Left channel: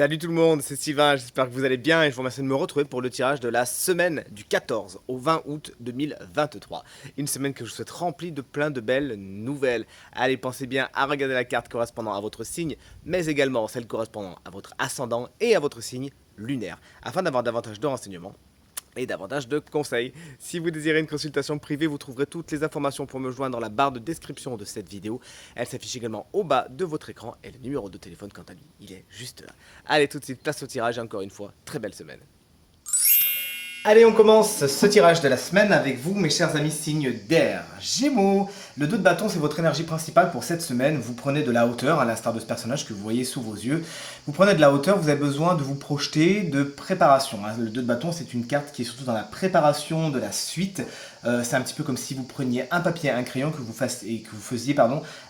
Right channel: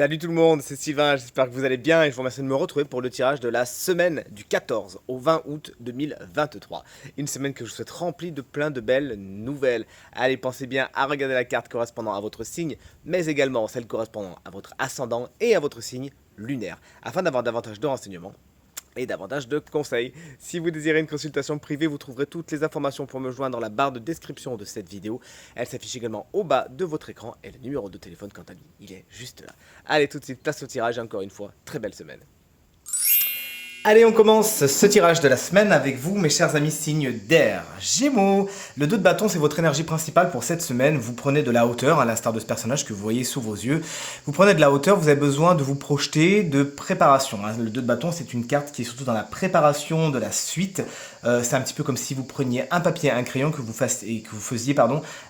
Salut tout le monde, c'est Sylvain, j'espère que vous allez bien et je vous remercie de me retrouver pour le tirage de la semaine du 14 au 20 août 2023. Une semaine que je vous souhaite remplie de plein de belles nouvelles. Allez, pensez bien à regarder la carte correspondant à votre signe, mais également celle correspondant à votre ascendant et à votre signe lunaire, afin d'avoir davantage de renseignements et davantage de conseils. Si vous désirez une consultation privée, vous trouverez toutes les informations pour me joindre dans la barre de description de cette vidéo. Elle s'affiche également au bas de votre écran et le numéro de téléphone quant à lui, il est juste là. Allez, tout de suite, place au tirage et encore une fois, très belle semaine. Allez, on commence ce tirage de la semaine avec vous, mes chers amis signes d'air. Gémeaux, le 2 de bâton, c'est votre énergie principale pour cette semaine. Vous prenez de la hauteur, à l'instar de ce personnage que vous voyez sous vos yeux. Vous prenez de la hauteur, vous avez besoin de vous projeter, de préparation. Le 2 de bâton, c'est une carte qui est surtout dans la préparation de la suite. C'est un petit peu comme si vous preniez un papier, un crayon, que vous faisiez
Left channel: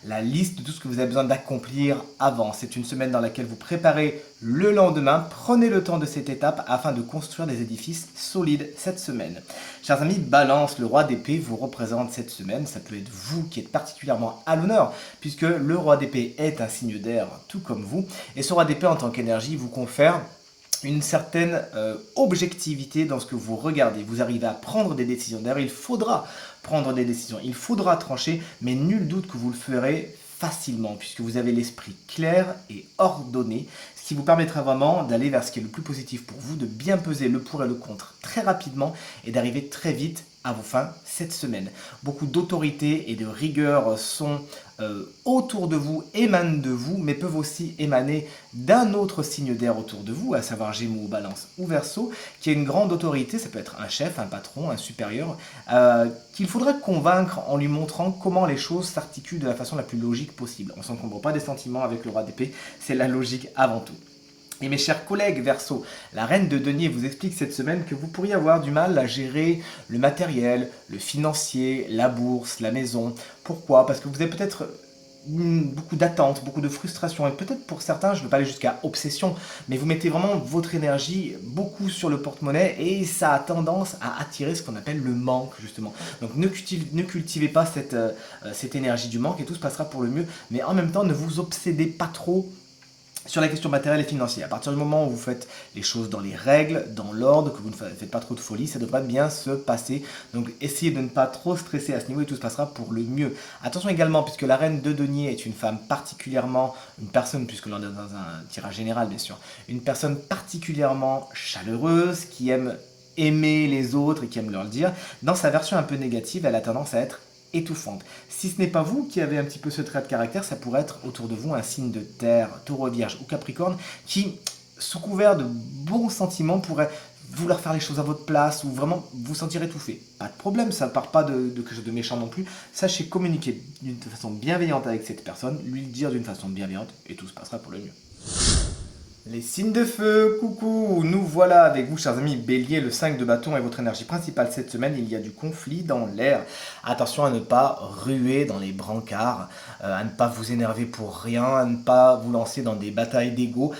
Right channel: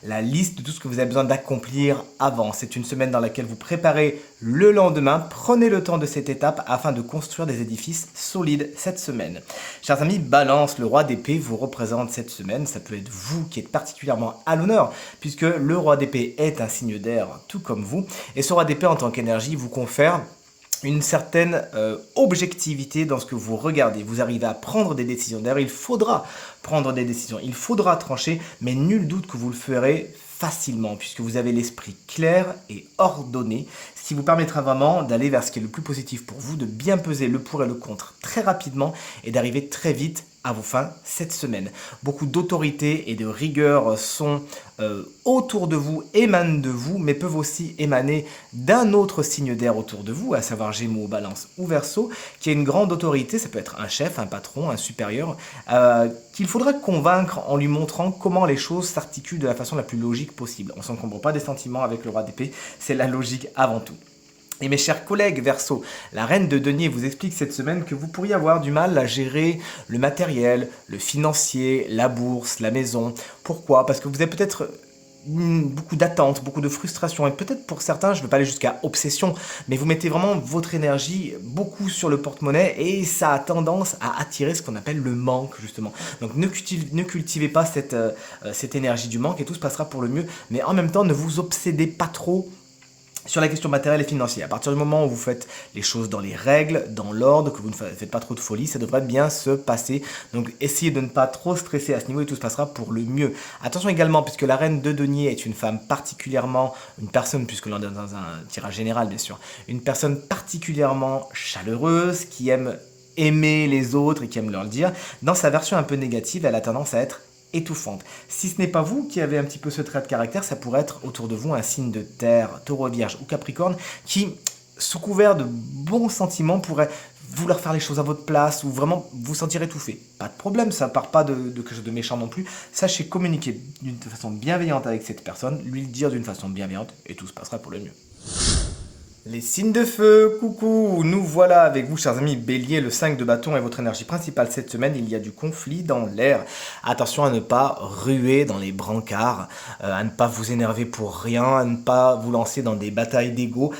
la liste de tout ce que vous avez besoin d'accomplir avant. C'est une semaine dans laquelle vous préparez le lendemain. Prenez le temps de cette étape afin de construire des édifices solides cette semaine. Chers amis, Balance, le roi d'épée vous représente cette semaine. Ça peut être vous qui êtes particulièrement à l'honneur, puisque le roi d'épée est un signe d'air, tout comme vous. Et ce roi d'épée, en tant qu'énergie, vous confère une certaine objectivité dans ce que vous regardez. Vous arrivez à prendre des décisions. D'ailleurs, il faudra prendre des décisions. Il faudra trancher, mais nul doute que vous le ferez facilement, puisque vous avez l'esprit clair et ordonné, ce qui vous permettra vraiment d'aller vers ce qui est le plus positif pour vous, de bien peser le pour et le contre très rapidement et d'arriver très vite à vos fins cette semaine. Beaucoup d'autorité et de rigueur sont autour de vous, émanent de vous, mais peuvent aussi émaner d'un autre signe d'air autour de vous, à savoir Gémeaux, Balance ou Verseau, qui a une grande autorité. Ça peut être un chef, un patron, un supérieur, qu'il faudra convaincre en lui montrant comment les choses s'articulent de la façon la plus logique possible. On ne s'encombre pas des sentiments avec le roi d'épée, c'est la logique avant tout. Et mes chers collègues Verseau, la reine de denier vous explique cette semaine que vous pourriez avoir du mal à gérer le matériel, le financier, la bourse, la maison. Pourquoi? Parce que vous avez peut-être beaucoup d'attentes, beaucoup de frustration, et peut-être pour certains, je ne veux pas aller jusqu'à obsession, mais vous mettez vraiment votre énergie beaucoup sur le porte-monnaie et ça a tendance à attirer ce qu'on appelle le manque, justement. Donc ne cultivez pas cette énergie du manque et tout se passera pour le mieux, mais en même temps, ne vous obsédez pas trop sur la question matérielle et financière. À partir du moment où vous faites les choses dans les règles, dans l'ordre, que vous ne faites pas trop de folie, ça devrait bien se passer. Donc essayez de ne pas trop stresser à ce niveau et tout se passera pour le mieux. Attention également, puisque la reine de denier est une femme particulièrement, une personne, puisque l'on est dans un tirage général bien sûr, une personne particulièrement chaleureuse, qui aime aimer les autres et qui aime leur le dire. Dans sa version un peu négative, elle a tendance à être étouffante. Si ce n'est pas vous qui avez un petit peu ce trait de caractère, ça pourrait être autour de vous un signe de terre, taureau, vierge ou capricorne, qui, sous couvert de bons sentiments, pourrait vouloir faire les choses à votre place ou vraiment vous sentir étouffé. Pas de problème, ça ne part pas de quelque chose de méchant non plus. Sachez communiquer d'une façon bienveillante avec cette personne, lui le dire d'une façon bienveillante et tout se passera pour le mieux. Les signes de feu, coucou, nous voilà avec vous chers amis. Bélier, le 5 de bâton est votre énergie principale cette semaine. Il y a du conflit dans l'air. Attention à ne pas ruer dans les brancards, à ne pas vous énerver pour rien, à ne pas vous lancer dans des batailles d'ego.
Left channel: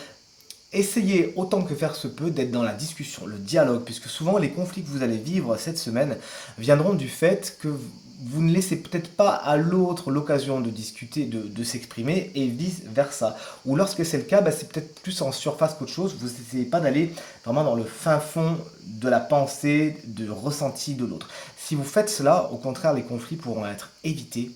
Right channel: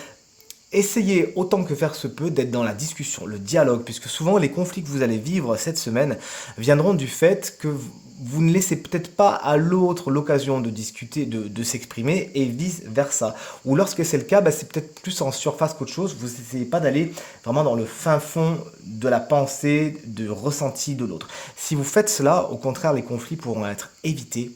Essayez autant que faire se peut d'être dans la discussion, le dialogue, puisque souvent les conflits que vous allez vivre cette semaine viendront du fait que vous ne laissez peut-être pas à l'autre l'occasion de discuter, de s'exprimer, et vice-versa. Ou lorsque c'est le cas, c'est peut-être plus en surface qu'autre chose. Vous n'essayez pas d'aller vraiment dans le fin fond de la pensée, de ressenti de l'autre. Si vous faites cela, au contraire, les conflits pourront être évités.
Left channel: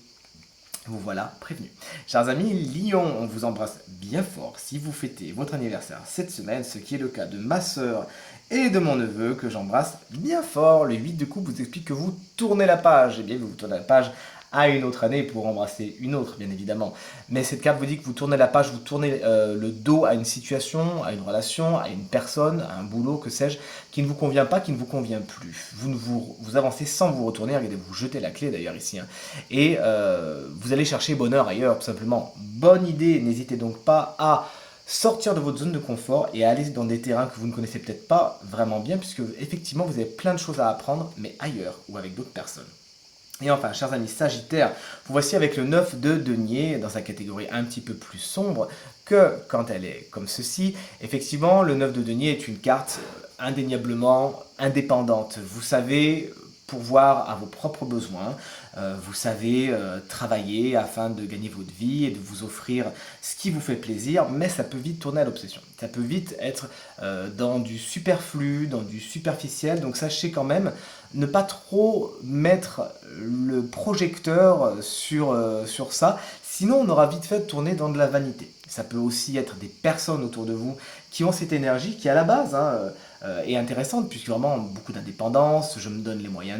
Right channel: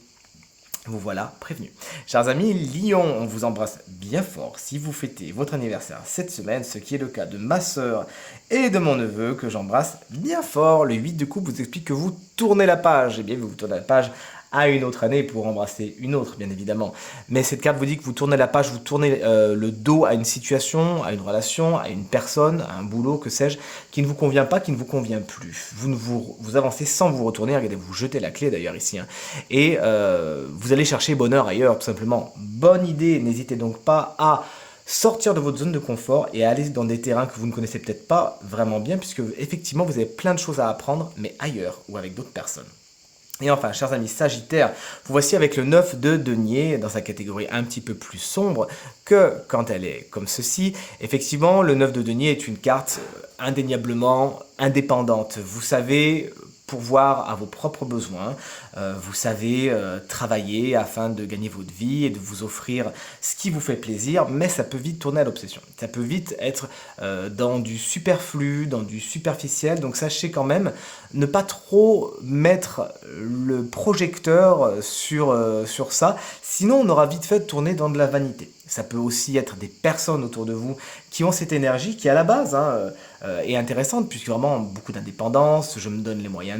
Vous voilà prévenu. Chers amis, Lion, on vous embrasse bien fort si vous fêtez votre anniversaire cette semaine, ce qui est le cas de ma soeur et de mon neveu que j'embrasse bien fort. Le 8 de coupe vous explique que vous tournez la page. Eh bien, vous tournez la page à une autre année pour embrasser une autre, bien évidemment. Mais cette carte vous dit que vous tournez la page, vous tournez le dos à une situation, à une relation, à une personne, à un boulot, que sais-je, qui ne vous convient pas, qui ne vous convient plus. Vous avancez sans vous retourner, regardez, vous jetez la clé d'ailleurs ici. Et vous allez chercher bonheur ailleurs, tout simplement. Bonne idée, n'hésitez donc pas à sortir de votre zone de confort et à aller dans des terrains que vous ne connaissez peut-être pas vraiment bien, puisque effectivement vous avez plein de choses à apprendre, mais ailleurs ou avec d'autres personnes. Et enfin, chers amis Sagittaires, vous voici avec le 9 de denier dans sa catégorie un petit peu plus sombre que quand elle est comme ceci. Effectivement, le 9 de denier est une carte indéniablement indépendante. Vous savez pourvoir à vos propres besoins. Vous savez travailler afin de gagner votre vie et de vous offrir ce qui vous fait plaisir, mais ça peut vite tourner à l'obsession. Ça peut vite être dans du superflu, dans du superficiel. Donc sachez quand même ne pas trop mettre le projecteur sur ça, sinon on aura vite fait de tourner dans de la vanité. Ça peut aussi être des personnes autour de vous qui ont cette énergie qui à la base est intéressante, puisque vraiment beaucoup d'indépendance, je me donne les moyens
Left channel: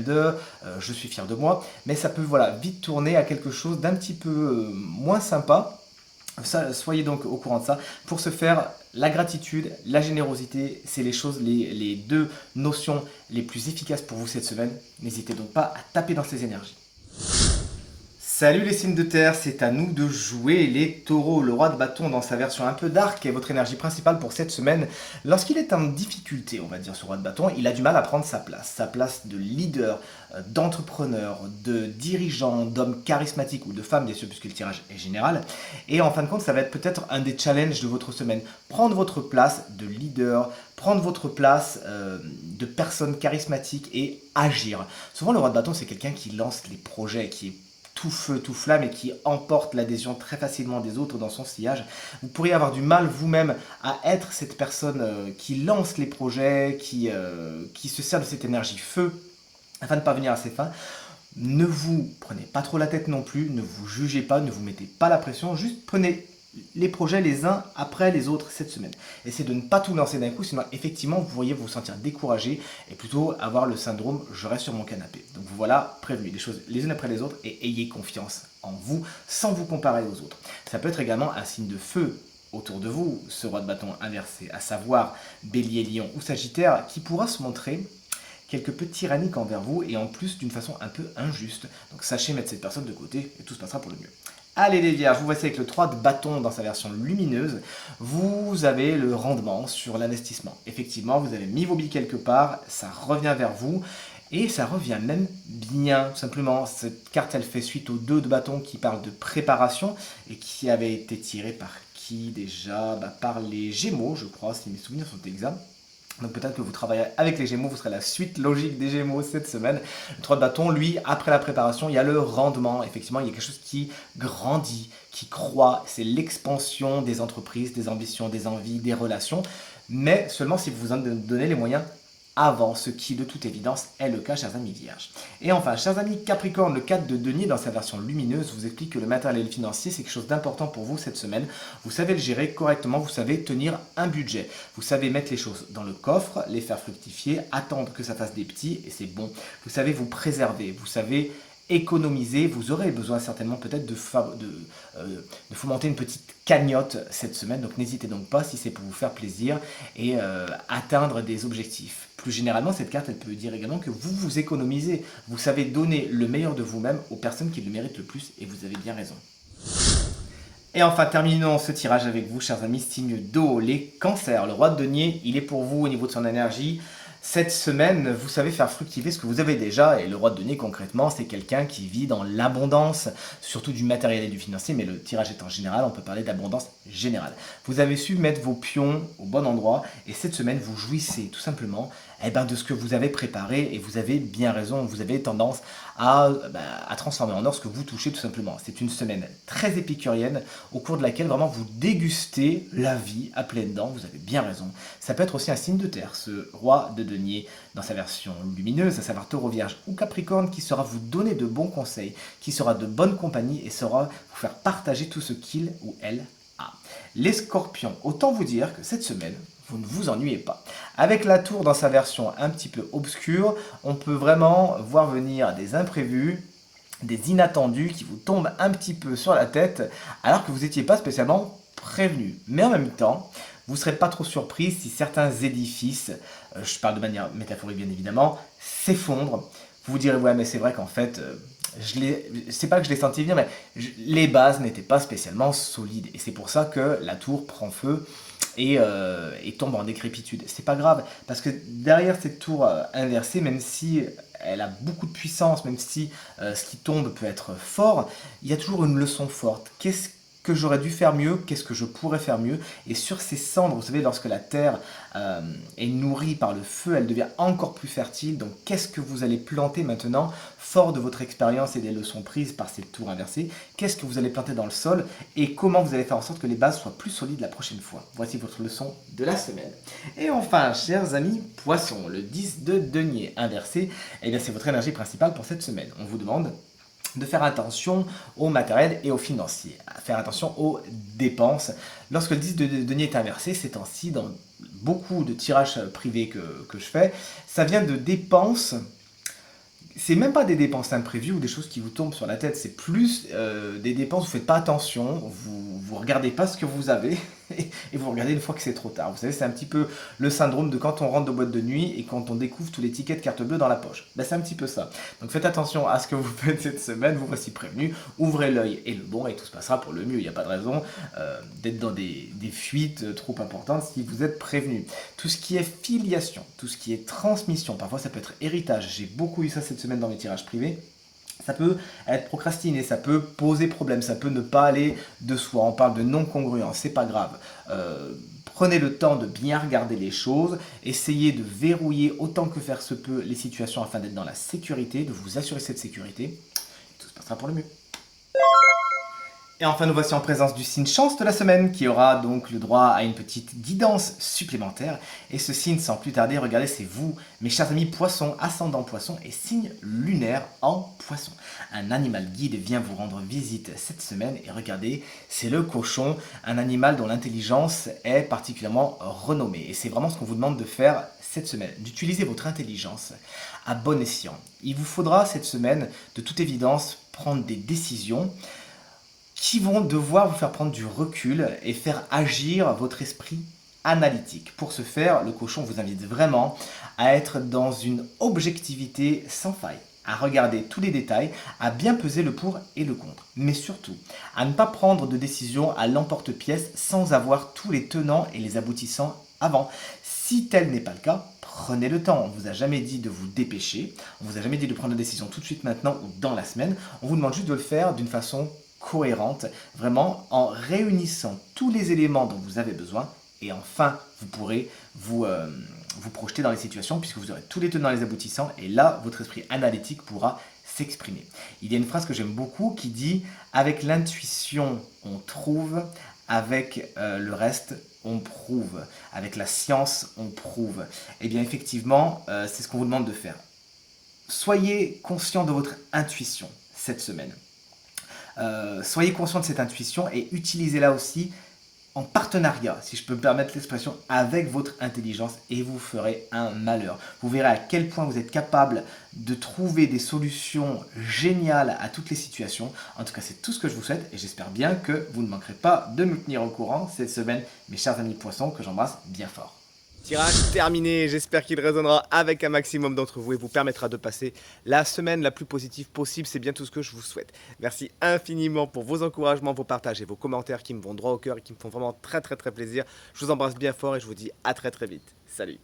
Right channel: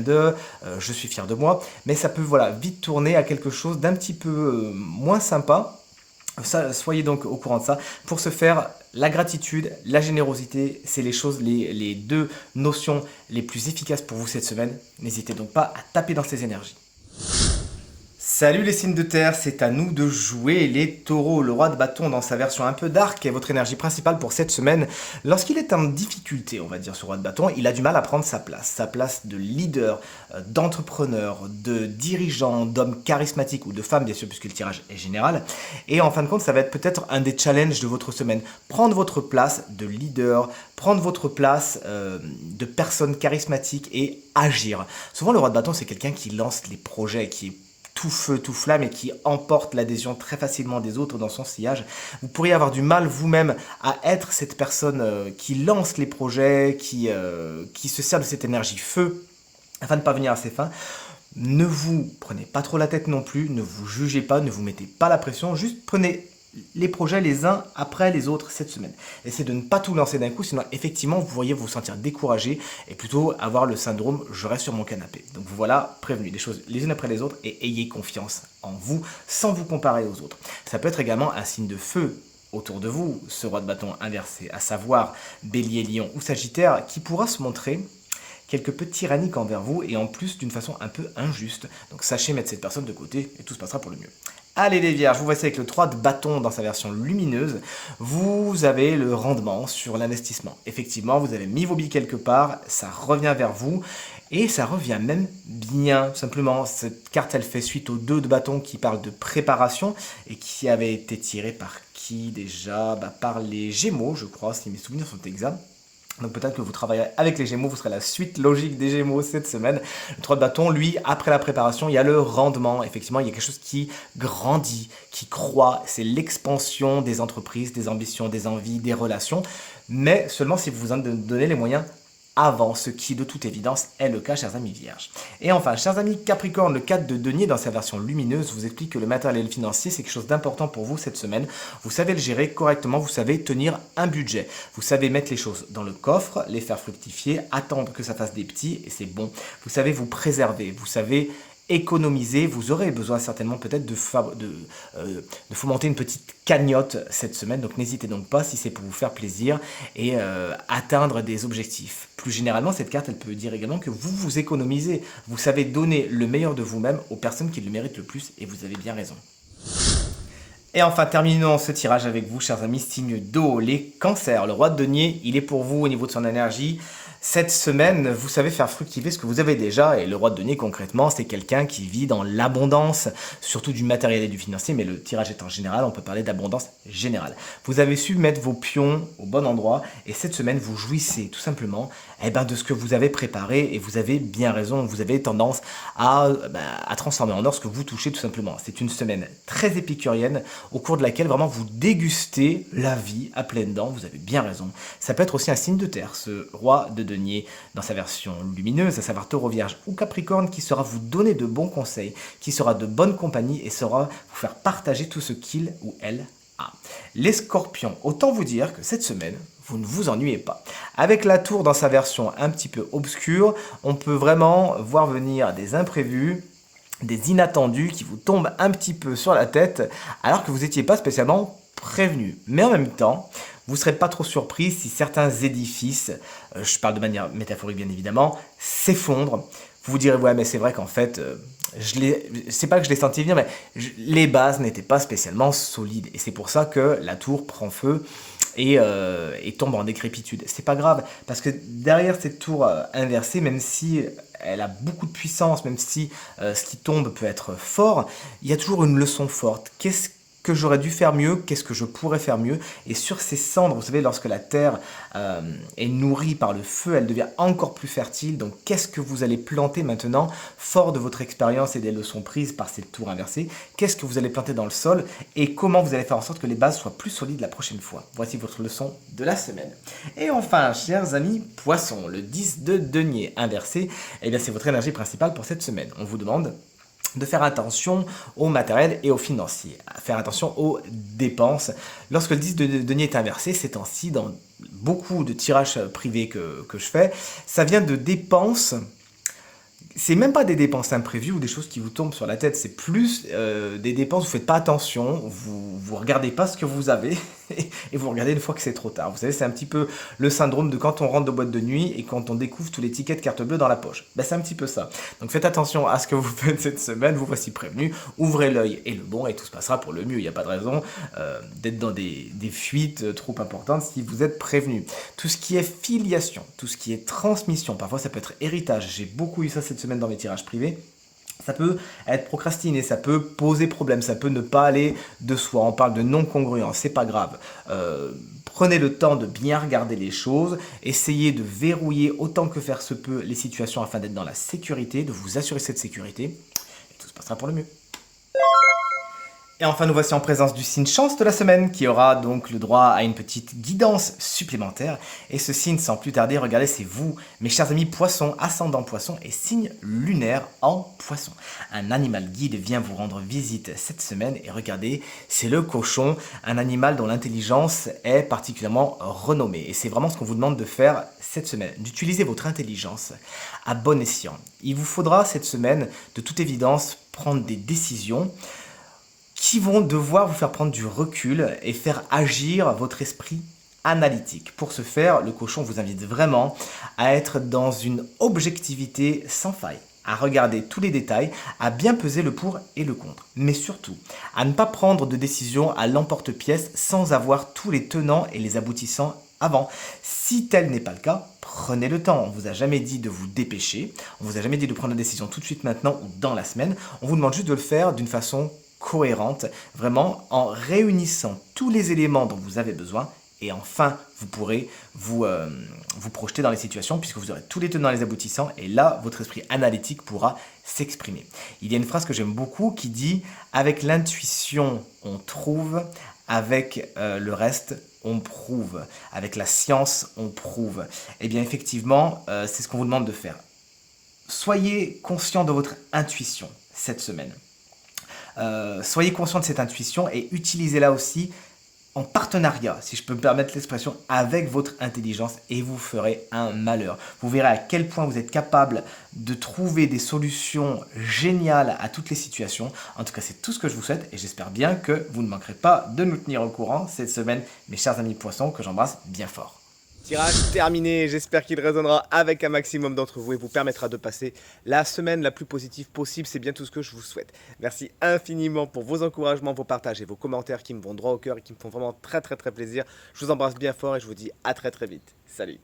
je suis fier de moi, mais ça peut voilà, vite tourner à quelque chose d'un petit peu moins sympa. Ça, soyez donc au courant de ça. Pour ce faire, la gratitude, la générosité, c'est les deux notions les plus efficaces pour vous cette semaine. N'hésitez donc pas à taper dans ces énergies. Salut les signes de terre, c'est à nous de jouer les taureaux. Le roi de bâton dans sa version un peu dark est votre énergie principale pour cette semaine. Lorsqu'il est en difficulté, on va dire ce roi de bâton, il a du mal à prendre sa place de leader, d'entrepreneur, de dirigeant, d'homme charismatique ou de femme bien sûr puisque le tirage est général. Et en fin de compte, ça va être peut-être un des challenges de votre semaine. Prendre votre place de leader, prendre votre place de personne charismatique et agir. Souvent le roi de bâton c'est quelqu'un qui lance les projets, qui est tout feu, tout flamme et qui emporte l'adhésion très facilement des autres dans son sillage. Vous pourriez avoir du mal vous-même à être cette personne qui lance les projets, qui se sert de cette énergie feu afin de parvenir à ses fins. Ne vous prenez pas trop la tête non plus, ne vous jugez pas, ne vous mettez pas la pression, juste prenez les projets les uns après les autres cette semaine. Essayez de ne pas tout lancer d'un coup, sinon effectivement vous pourriez vous sentir découragé et plutôt avoir le syndrome je reste sur mon canapé. Donc voilà, prévenu, des choses les unes après les autres et ayez confiance en vous sans vous comparer aux autres. Ça peut être également un signe de feu autour de vous, ce roi de bâton inversé, à savoir Bélier, Lion ou Sagittaire, qui pourra se montrer quelque peu tyrannique envers vous et en plus d'une façon un peu injuste. Donc sachez mettre cette personne de côté et tout se passera pour le mieux. Allez les vierges, vous voici avec le 3 de bâton dans sa version lumineuse. Vous avez le rendement sur l'investissement. Effectivement, vous avez mis vos billes quelque part, ça revient vers vous. Et ça revient même bien, simplement. Cette carte, elle fait suite au 2 de bâton qui parle de préparation et qui avait été tiré par qui déjà par les Gémeaux, je crois, si mes souvenirs sont exacts. Donc peut-être que vous travaillerez avec les Gémeaux, vous serez la suite logique des Gémeaux cette semaine. Le 3 de bâton, lui, après la préparation, il y a le rendement. Effectivement, il y a quelque chose qui grandit, qui croît. C'est l'expansion des entreprises, des ambitions, des envies, des relations. Mais seulement si vous vous en donnez les moyens avant, ce qui de toute évidence est le cas, chers amis vierges. Et enfin, chers amis Capricorne, le 4 de denier dans sa version lumineuse vous explique que le matériel financier, c'est quelque chose d'important pour vous cette semaine. Vous savez le gérer correctement, vous savez tenir un budget. Vous savez mettre les choses dans le coffre, les faire fructifier, attendre que ça fasse des petits, et c'est bon. Vous savez vous préserver, vous savez économiser, vous aurez besoin certainement peut-être de fomenter une petite cagnotte cette semaine, donc n'hésitez donc pas si c'est pour vous faire plaisir et atteindre des objectifs. Plus généralement, cette carte, elle peut dire également que vous vous économisez, vous savez donner le meilleur de vous-même aux personnes qui le méritent le plus et vous avez bien raison. Et enfin, terminons ce tirage avec vous, chers amis, signe d'eau, les cancers. Le roi de denier, il est pour vous au niveau de son énergie. Cette semaine, vous savez faire fructifier ce que vous avez déjà, et le roi de denier concrètement, c'est quelqu'un qui vit dans l'abondance, surtout du matériel et du financier, mais le tirage est en général, on peut parler d'abondance générale. Vous avez su mettre vos pions au bon endroit, et cette semaine, vous jouissez tout simplement de ce que vous avez préparé, et vous avez bien raison, vous avez tendance à transformer en or ce que vous touchez tout simplement. C'est une semaine très épicurienne, au cours de laquelle vraiment vous dégustez la vie à pleines dents, vous avez bien raison. Ça peut être aussi un signe de terre, ce roi de denier dans sa version lumineuse, à savoir taureau, vierge ou capricorne, qui saura vous donner de bons conseils, qui sera de bonne compagnie et saura vous faire partager tout ce qu'il ou elle a. Les scorpions, autant vous dire que cette semaine, vous ne vous ennuyez pas. Avec la tour dans sa version un petit peu obscure, on peut vraiment voir venir des imprévus, des inattendus qui vous tombent un petit peu sur la tête alors que vous n'étiez pas spécialement prévenu. Mais en même temps, vous ne serez pas trop surpris si certains édifices, je parle de manière métaphorique bien évidemment, s'effondrent. Vous vous direz, ouais mais c'est vrai qu'en fait, c'est pas que je l'ai senti venir, mais les bases n'étaient pas spécialement solides. Et c'est pour ça que la tour prend feu et tombe en décrépitude. C'est pas grave, parce que derrière cette tour inversée, même si elle a beaucoup de puissance, même si ce qui tombe peut être fort, il y a toujours une leçon forte. que j'aurais dû faire mieux, qu'est-ce que je pourrais faire mieux. Et sur ces cendres, vous savez, lorsque la terre est nourrie par le feu, elle devient encore plus fertile. Donc qu'est-ce que vous allez planter maintenant, fort de votre expérience et des leçons prises par cette tour inversée? Qu'est-ce que vous allez planter dans le sol et comment vous allez faire en sorte que les bases soient plus solides la prochaine fois? Voici votre leçon de la semaine. Et enfin, chers amis poissons, le 10 de denier inversé, eh bien c'est votre énergie principale pour cette semaine. On vous demande de faire attention au matériel et au financier, faire attention aux dépenses. Lorsque le 10 de denier est inversé, ces temps-ci, dans beaucoup de tirages privés que je fais, ça vient de dépenses. C'est même pas des dépenses imprévues ou des choses qui vous tombent sur la tête, c'est plus des dépenses, vous faites pas attention, vous regardez pas ce que vous avez et vous regardez une fois que c'est trop tard. Vous savez, c'est un petit peu le syndrome de quand on rentre de boîte de nuit et quand on découvre tous les tickets de carte bleue dans la poche. Ben, c'est un petit peu ça. Donc faites attention à ce que vous faites cette semaine, vous voici prévenu, ouvrez l'œil et le bon et tout se passera pour le mieux. Il n'y a pas de raison d'être dans des fuites trop importantes si vous êtes prévenu. Tout ce qui est filiation, tout ce qui est transmission, parfois ça peut être héritage, j'ai beaucoup eu ça cette semaine dans mes tirages privés. Ça peut être procrastiné, ça peut poser problème, ça peut ne pas aller de soi. On parle de non-congruence, c'est pas grave. Prenez le temps de bien regarder les choses, essayez de verrouiller autant que faire se peut les situations afin d'être dans la sécurité, de vous assurer cette sécurité. Et tout se passera pour le mieux. Et enfin, nous voici en présence du signe chance de la semaine qui aura donc le droit à une petite guidance supplémentaire. Et ce signe, sans plus tarder, regardez, c'est vous, mes chers amis poissons, ascendant poisson et signe lunaire en poisson. Un animal guide vient vous rendre visite cette semaine et regardez, c'est le cochon, un animal dont l'intelligence est particulièrement renommée. Et c'est vraiment ce qu'on vous demande de faire cette semaine, d'utiliser votre intelligence à bon escient. Il vous faudra cette semaine, de toute évidence, prendre des décisions qui vont devoir vous faire prendre du recul et faire agir votre esprit analytique. Pour ce faire, le cochon vous invite vraiment à être dans une objectivité sans faille, à regarder tous les détails, à bien peser le pour et le contre, mais surtout à ne pas prendre de décision à l'emporte-pièce sans avoir tous les tenants et les aboutissants avant. Si tel n'est pas le cas, prenez le temps. On ne vous a jamais dit de vous dépêcher, on ne vous a jamais dit de prendre la décision tout de suite maintenant ou dans la semaine, on vous demande juste de le faire d'une façon cohérente, vraiment en réunissant tous les éléments dont vous avez besoin et enfin vous pourrez vous projeter dans les situations puisque vous aurez tous les tenants et les aboutissants et là votre esprit analytique pourra s'exprimer. Il y a une phrase que j'aime beaucoup qui dit avec l'intuition on trouve, avec le reste on prouve, avec la science on prouve. Et bien effectivement c'est ce qu'on vous demande de faire. Soyez conscient de votre intuition cette semaine. Soyez conscient de cette intuition et utilisez-la aussi en partenariat, si je peux me permettre l'expression, avec votre intelligence et vous ferez un malheur. Vous verrez à quel point vous êtes capable de trouver des solutions géniales à toutes les situations. En tout cas, c'est tout ce que je vous souhaite et j'espère bien que vous ne manquerez pas de me tenir au courant cette semaine, mes chers amis poissons, que j'embrasse bien fort. Tirage terminé, j'espère qu'il résonnera avec un maximum d'entre vous et vous permettra de passer la semaine la plus positive possible, c'est bien tout ce que je vous souhaite. Merci infiniment pour vos encouragements, vos partages et vos commentaires qui me vont droit au cœur et qui me font vraiment très plaisir. Je vous embrasse bien fort et je vous dis à très vite. Salut.